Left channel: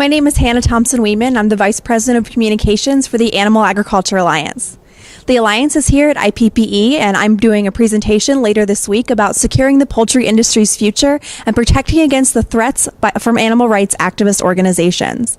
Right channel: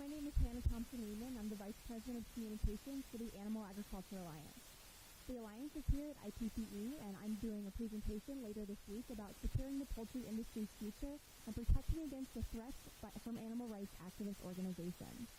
My name is Hannah Thompson-Weeman. I'm the Vice President of Communications for the Animal Agriculture Alliance. The Alliance is here at IPPE, and I'm doing a presentation later this week about securing the poultry industry's future and protecting against the threats from animal rights activist organizations.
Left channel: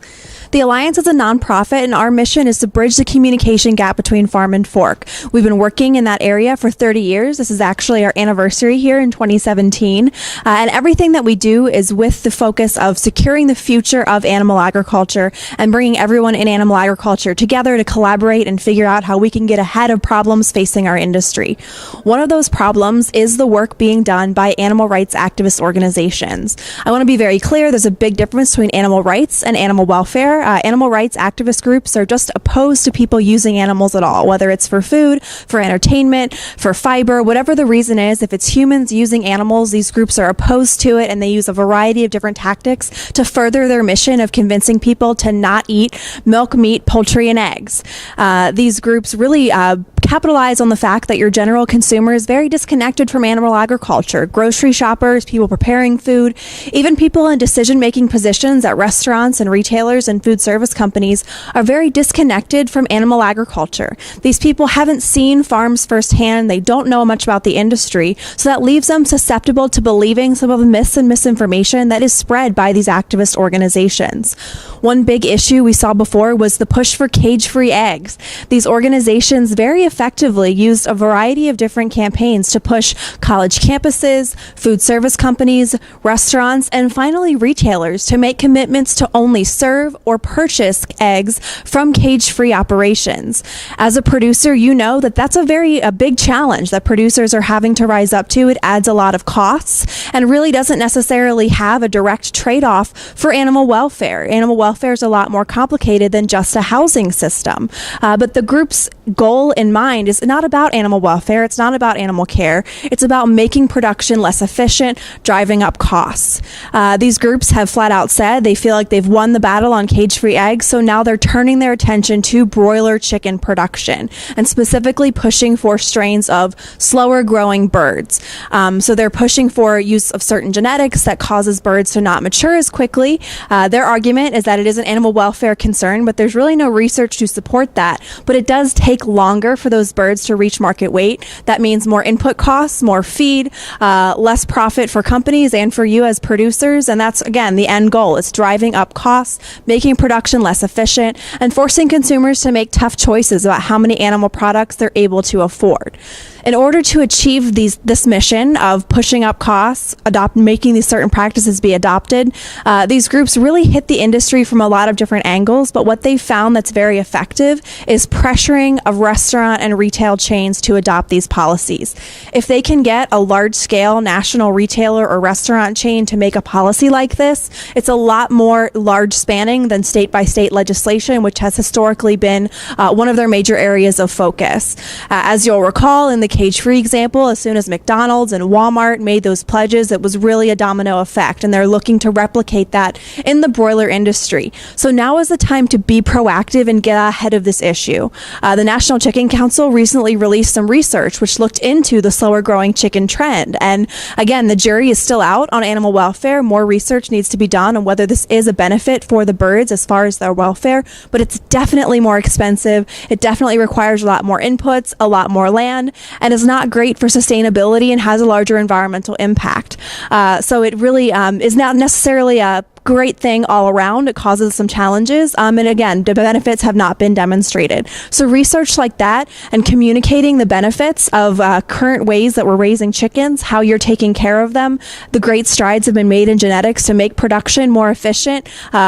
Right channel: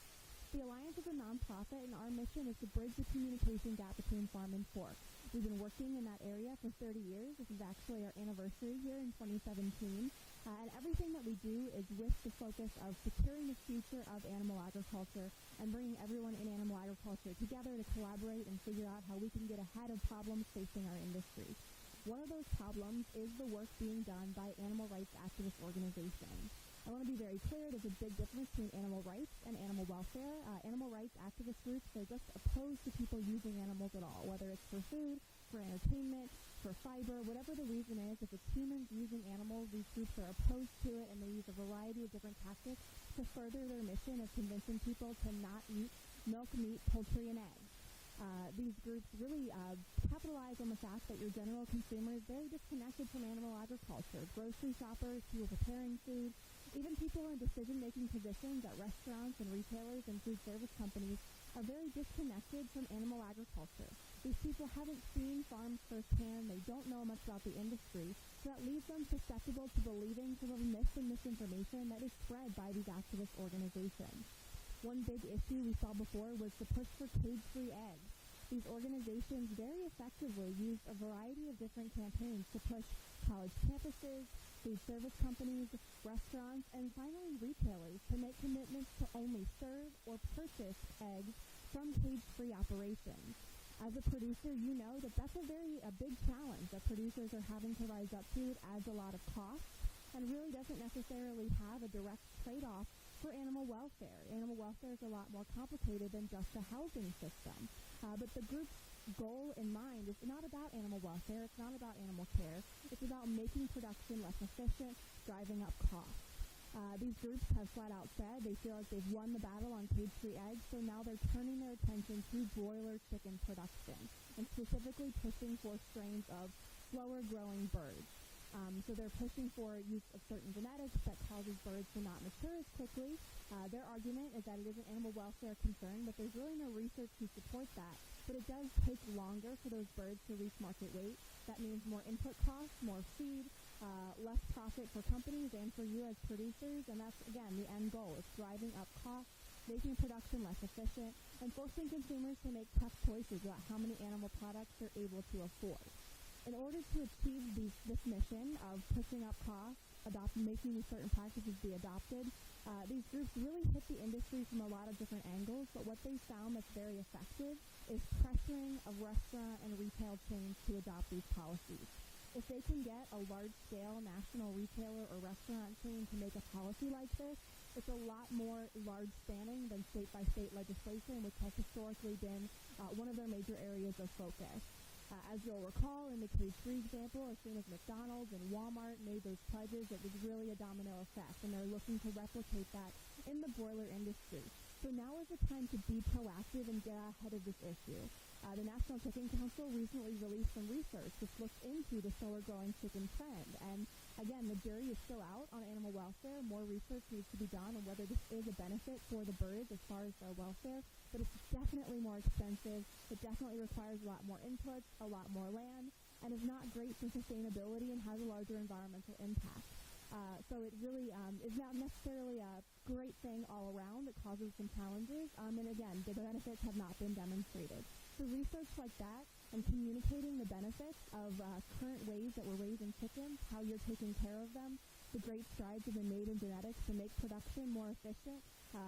The Alliance is a nonprofit, and our mission is to bridge the communication gap between farm and fork. We've been working in that area for 30 years. This is actually our anniversary here in 2017. And everything that we do is with the focus of securing the future of animal agriculture and bringing everyone in animal agriculture together to collaborate and figure out how we can get ahead of problems facing our industry. One of those problems is the work being done by animal rights activist organizations. I want to be very clear, there's a big difference between animal rights and animal welfare. Animal rights activist groups are just opposed to people using animals at all, whether it's for food, for entertainment, for fiber, whatever the reason is. If it's humans using animals, these groups are opposed to it, and they use a variety of different tactics to further their mission of convincing people to not eat milk, meat, poultry, and eggs. These groups really capitalize on the fact that your general consumer is very disconnected from animal agriculture. Grocery shoppers, people preparing food, even people in decision-making positions at restaurants and retailers and food service companies are very disconnected from animal agriculture. These people haven't seen farms firsthand. They don't know much about the industry, so that leaves them susceptible to believing some of the myths and misinformation that is spread by these activist organizations. One big issue we saw before was the push for cage-free eggs. These organizations very effectively used a variety of different campaigns to push college campuses, food service companies, restaurants, and finally retailers to make commitments to only serve or purchase eggs from cage-free operations. As a producer, you know that that's a big challenge that producers are having to rise up to. It adds a lot of costs and really doesn't necessarily have a direct trade-off for animal welfare. Animal welfare is a lot more complicated than just a housing system. But the group's goal in mind is not about animal welfare. It's not about animal care. It's about making production less efficient, driving up costs. These groups have flat out said they feel like they've won the battle on cage-free eggs, so now they're turning their attention to broiler chicken production and specifically pushing for strains of slower growing birds. So they're pushing for use of certain genetics that causes birds to not mature as quickly. Their argument is that it is an animal welfare concern, but there's really no research to support that. But it does take longer for those birds to reach market weight. That means more input costs, more feed, less profit for companies and for you as producers. And that's, again, the end goal. It's driving up costs, making production less efficient, and forcing consumers to make tough choices about how many animal products they're able to afford. In order to achieve this mission of pushing up costs, making these certain practices be adopted, these groups really hit the industry from a lot of different angles, but what they found that's very effective is pressuring of restaurant and retail chains to adopt these policies. If they can get a large-scale national retailer or restaurant chain to make a policy like this, it's a lot more large-spanning than state-by-state legislation, which has historically been one of their major areas of focus. As you'll recall, in the cage-free example, as soon as McDonald's and Walmart made those pledges, it was really a domino effect, and they're looking to replicate that in the broiler industry. So now is the time to be proactive and get ahead of this issue. The National Chicken Council recently released some research which looked into the slower growing chicken trend, and again, the jury is still out on animal welfare. More research needs to be done on whether this is a benefit for the birds as far as their welfare, but it's definitely more expensive. It definitely requires a lot more inputs, a lot more land, and is not great for sustainability and has a larger environmental impact. So it really is not necessarily a great thing all around. It causes some challenges, and again, the benefits have not been demonstrated. So research like that and communicating the benefits of current ways that we're raising chickens, how you're taking care of them, the great strides have been made in genetics to make production more efficient,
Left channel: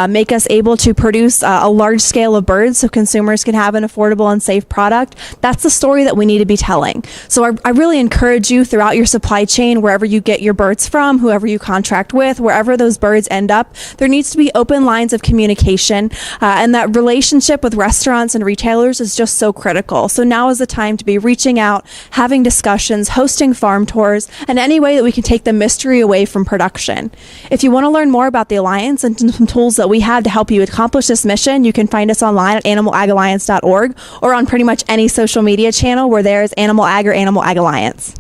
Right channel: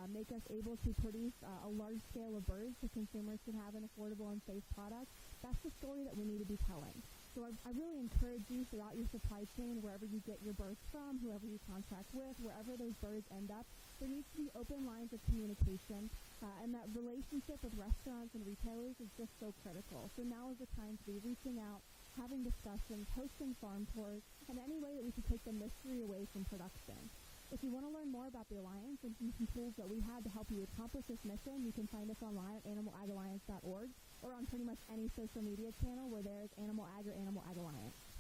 make us able to produce a large scale of birds so consumers can have an affordable and safe product. That's the story that we need to be telling. So I really encourage you throughout your supply chain, wherever you get your birds from, whoever you contract with, wherever those birds end up, there needs to be open lines of communication, and that relationship with restaurants and retailers is just so critical. So now is the time to be reaching out, having discussions, hosting farm tours, and any way that we can take the mystery away from production. If you want to learn more about the Alliance and some tools that we have to help you accomplish this mission, you can find us online at animalagalliance.org or on pretty much any social media channel where there is Animal Ag or Animal Ag Alliance.